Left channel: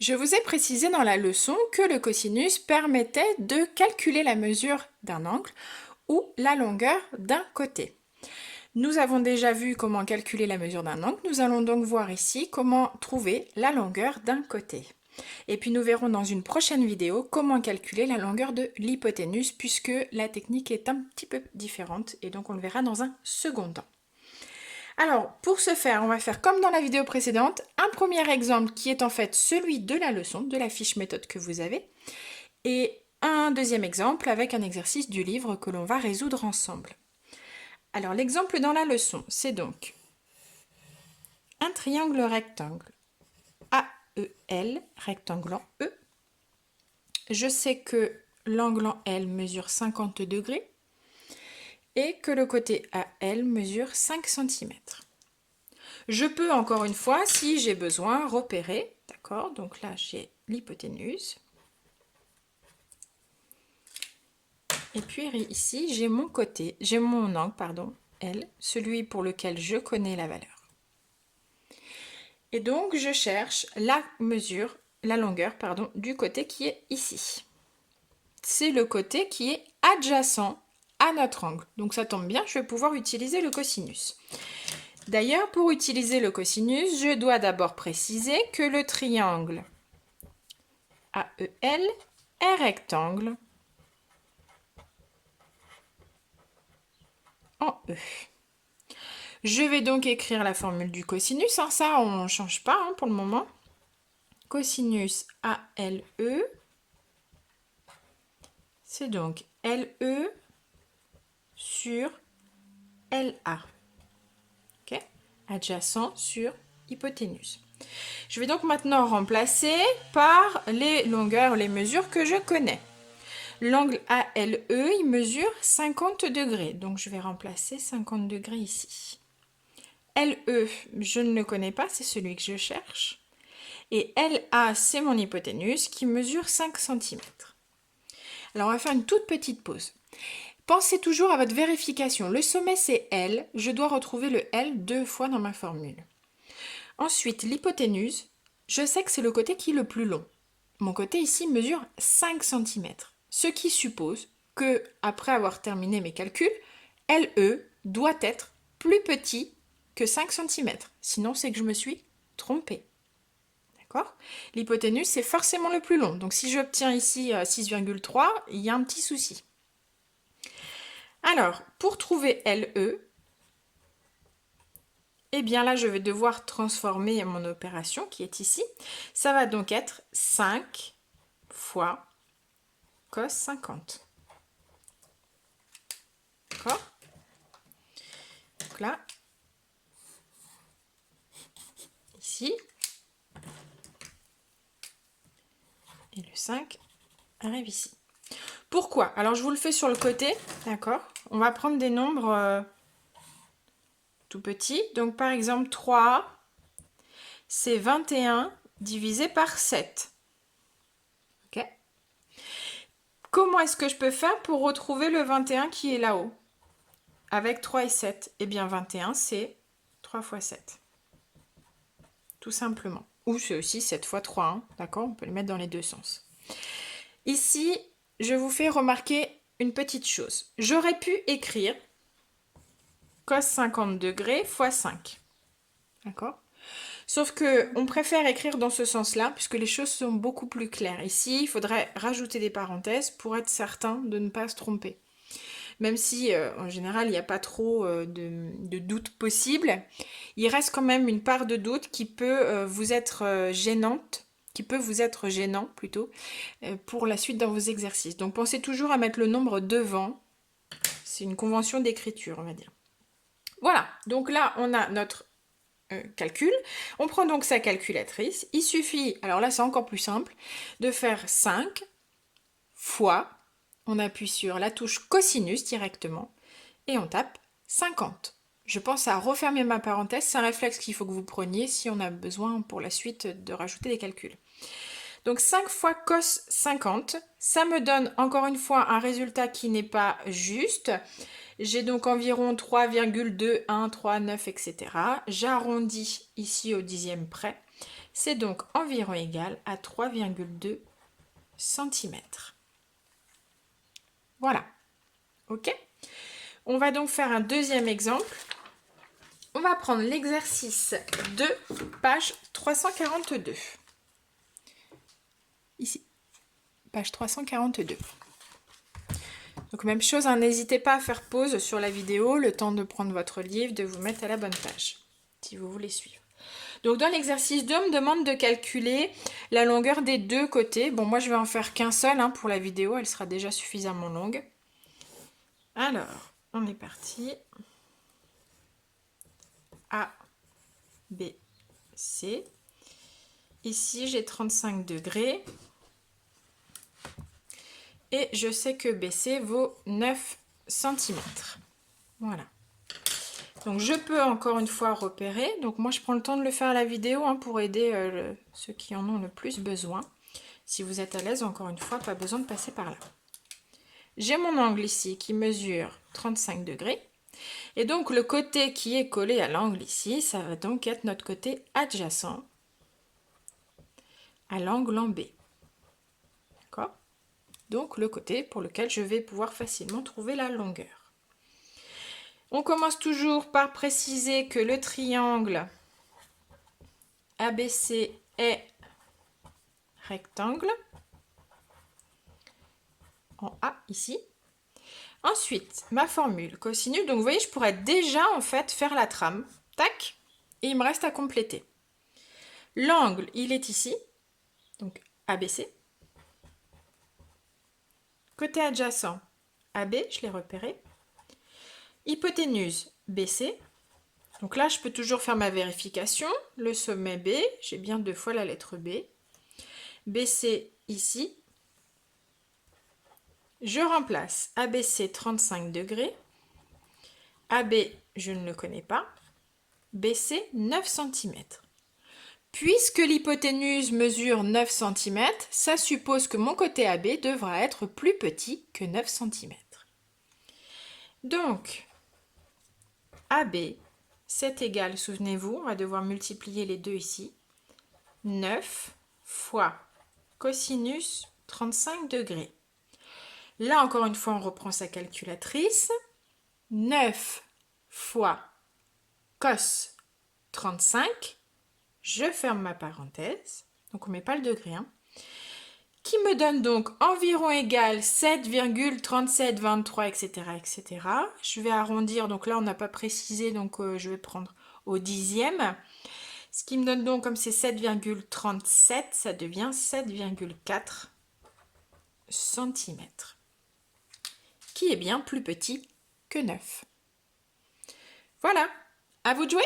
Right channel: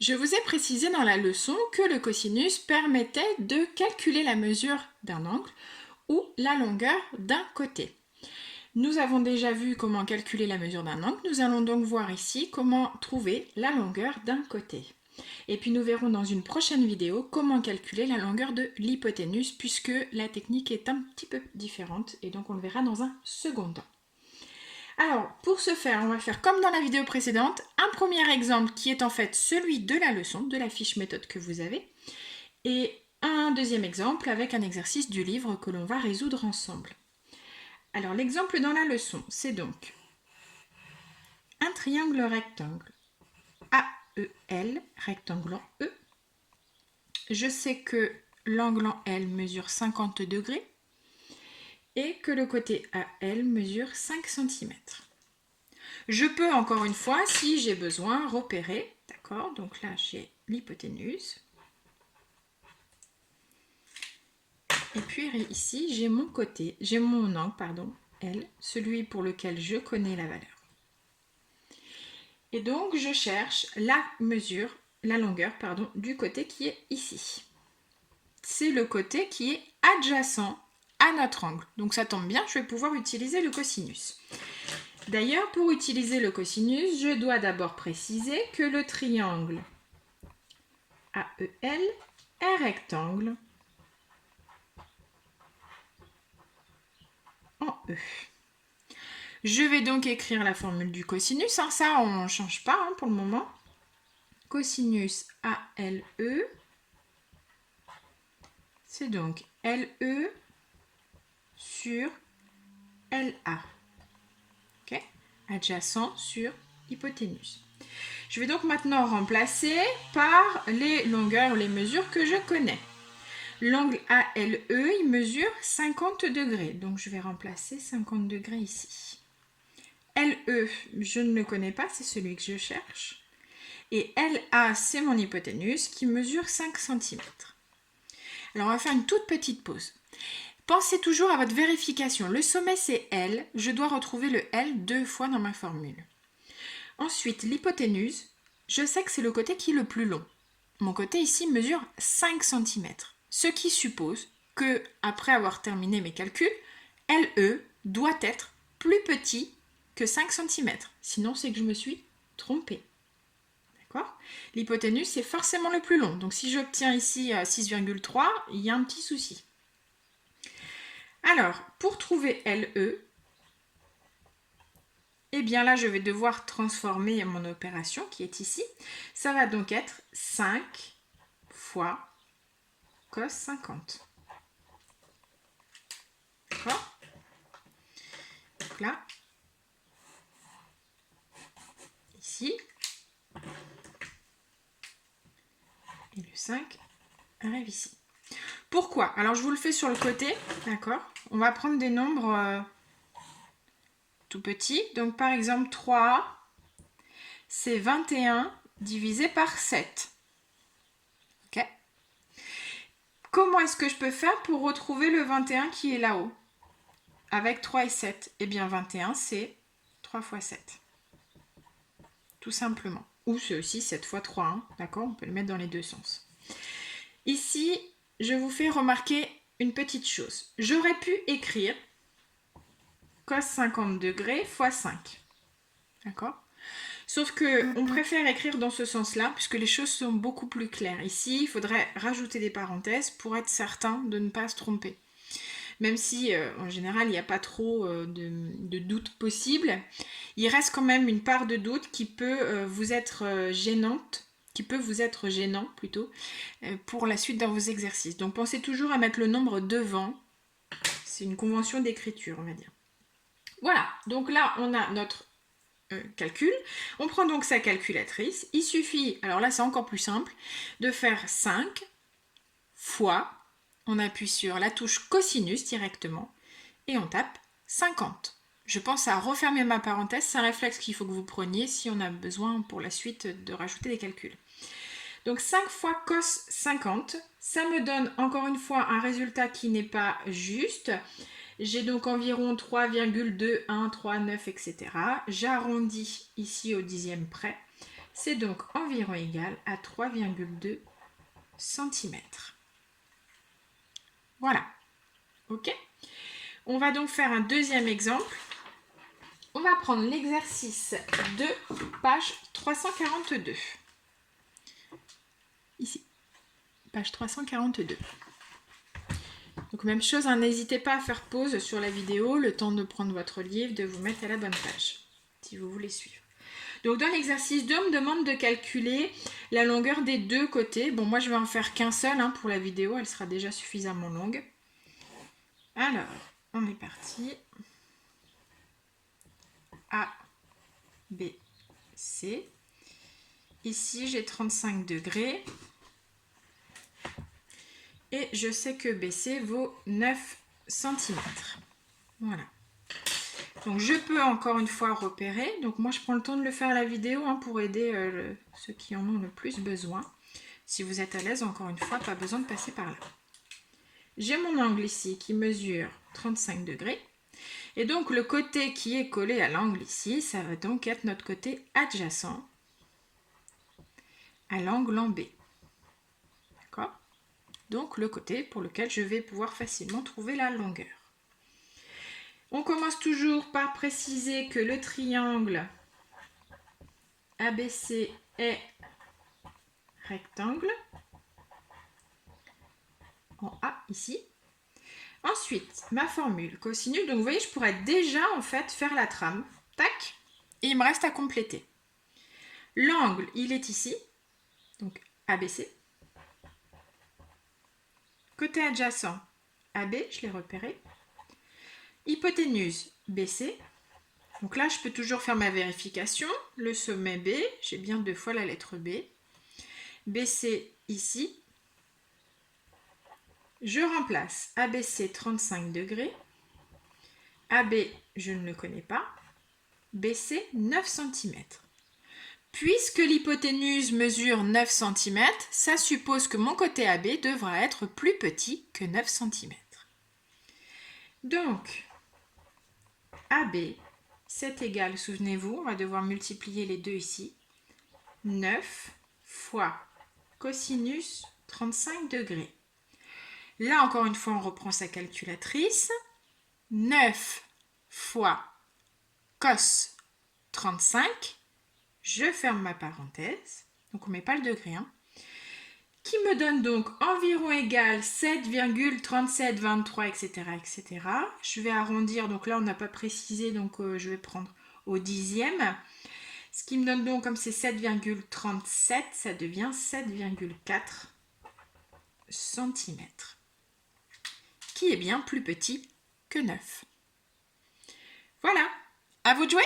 Je vous ai précisé dans la leçon que le cosinus permettait de calculer la mesure d'un angle ou la longueur d'un côté. Nous avons déjà vu comment calculer la mesure d'un angle, nous allons donc voir ici comment trouver la longueur d'un côté. Et puis nous verrons dans une prochaine vidéo comment calculer la longueur de l'hypoténuse puisque la technique est un petit peu différente et donc on le verra dans un second temps. Alors, pour ce faire, on va faire comme dans la vidéo précédente, un premier exemple qui est en fait celui de la leçon, de la fiche méthode que vous avez, et un deuxième exemple avec un exercice du livre que l'on va résoudre ensemble. Alors, l'exemple dans la leçon, c'est donc un triangle rectangle AEL, rectangle en E. Je sais que l'angle en L mesure 50 degrés et que le côté AL mesure 5 cm. Je peux encore une fois, si j'ai besoin, repérer, d'accord? Donc là, j'ai l'hypoténuse. Et puis ici, j'ai mon côté, j'ai mon angle, pardon, L, celui pour lequel je connais la valeur. Et donc, je cherche la mesure, la longueur, pardon, du côté qui est ici. C'est le côté qui est adjacent à notre angle. Donc ça tombe bien, je vais pouvoir utiliser le cosinus. D'ailleurs, pour utiliser le cosinus, je dois d'abord préciser que le triangle AEL est rectangle en E. Je vais donc écrire la formule du cosinus, ça on ne change pas pour le moment. Cosinus ALE, c'est donc LE sur LA. Okay, adjacent sur hypoténuse. Je vais donc maintenant remplacer par les longueurs, les mesures que je connais. L'angle ALE, il mesure 50 degrés. Donc je vais remplacer 50 degrés ici. LE, je ne le connais pas, c'est celui que je cherche. Et LA, c'est mon hypoténuse qui mesure 5 cm. Alors on va faire une toute petite pause. Pensez toujours à votre vérification. Le sommet, c'est L. Je dois retrouver le L 2 fois dans ma formule. Ensuite, l'hypoténuse, je sais que c'est le côté qui est le plus long. Mon côté ici mesure 5 cm. Ce qui suppose que, après avoir terminé mes calculs, LE doit être plus petit que 5 cm. Sinon, c'est que je me suis trompée. D'accord ? L'hypoténuse, c'est forcément le plus long. Donc, si j'obtiens ici 6,3, il y a un petit souci. Alors, pour trouver LE, eh bien là, je vais devoir transformer mon opération qui est ici. Ça va donc être 5 fois cos 50. D'accord ? Donc là, ici, et le 5 arrive ici. Pourquoi? Alors, je vous le fais sur le côté, d'accord? On va prendre des nombres tout petits. Donc, par exemple, 3, c'est 21 divisé par 7. Ok? Comment est-ce que je peux faire pour retrouver le 21 qui est là-haut? Avec 3 et 7. Eh bien, 21, c'est 3 fois 7. Tout simplement. Ou c'est aussi 7 fois 3, hein, d'accord? On peut le mettre dans les deux sens. Ici, je vous fais remarquer une petite chose. J'aurais pu écrire cos 50 degrés fois 5. D'accord? Sauf que on préfère écrire dans ce sens-là, puisque les choses sont beaucoup plus claires. Ici, il faudrait rajouter des parenthèses pour être certain de ne pas se tromper. Même si, en général, il n'y a pas trop de doute possible, il reste quand même une part de doute qui peut vous être gênante, qui peut vous être gênant plutôt, pour la suite dans vos exercices. Donc pensez toujours à mettre le nombre devant. C'est une convention d'écriture, on va dire. Voilà, donc là, on a notre calcul. On prend donc sa calculatrice. Il suffit, alors là c'est encore plus simple, de faire 5 fois, on appuie sur la touche cosinus directement et on tape 50. Je pense à refermer ma parenthèse, c'est un réflexe qu'il faut que vous preniez si on a besoin pour la suite de rajouter des calculs. Donc 5 fois cos 50, ça me donne encore une fois un résultat qui n'est pas juste. J'ai donc environ 3,2139, etc. J'arrondis ici au dixième près. C'est donc environ égal à 3,2 cm. Voilà. OK? On va donc faire un deuxième exemple. On va prendre l'exercice 2, page 342. Ici, page 342. Donc même chose, hein, n'hésitez pas à faire pause sur la vidéo, le temps de prendre votre livre, de vous mettre à la bonne page, si vous voulez suivre. Donc dans l'exercice 2, on me demande de calculer la longueur des deux côtés. Bon, moi je vais en faire qu'un seul hein, pour la vidéo, elle sera déjà suffisamment longue. Alors, on est parti. A, B, C. Ici, j'ai 35 degrés. Et je sais que BC vaut 9 cm. Voilà. Donc, je peux encore une fois repérer. Donc, moi, je prends le temps de le faire à la vidéo hein, pour aider ceux qui en ont le plus besoin. Si vous êtes à l'aise, encore une fois, pas besoin de passer par là. J'ai mon angle ici qui mesure 35 degrés. Et donc, le côté qui est collé à l'angle ici, ça va donc être notre côté adjacent à l'angle en B. D'accord ? Donc, le côté pour lequel je vais pouvoir facilement trouver la longueur. On commence toujours par préciser que le triangle ABC est rectangle en A ici. Ensuite, ma formule cosinus, donc vous voyez, je pourrais déjà en fait faire la trame, tac, et il me reste à compléter. L'angle, il est ici, donc ABC. Côté adjacent, AB, je l'ai repéré. Hypoténuse, BC. Donc là, je peux toujours faire ma vérification. Le sommet B, j'ai bien 2 fois la lettre B. BC ici. Je remplace ABC 35 degrés. AB, je ne le connais pas. BC 9 cm. Puisque l'hypoténuse mesure 9 cm, ça suppose que mon côté AB devra être plus petit que 9 cm. Donc, AB, c'est égal, souvenez-vous, on va devoir multiplier les deux ici. 9 fois cosinus 35 degrés. Là, encore une fois, on reprend sa calculatrice. 9 fois cos 35. Je ferme ma parenthèse. Donc, on ne met pas le degré. Hein, qui me donne donc environ égal 7,3723, etc., etc. Je vais arrondir. Donc là, on n'a pas précisé. Donc, je vais prendre au dixième. Ce qui me donne donc, comme c'est 7,37, ça devient 7,4 cm. Qui est bien plus petit que 9. Voilà, à vous de jouer!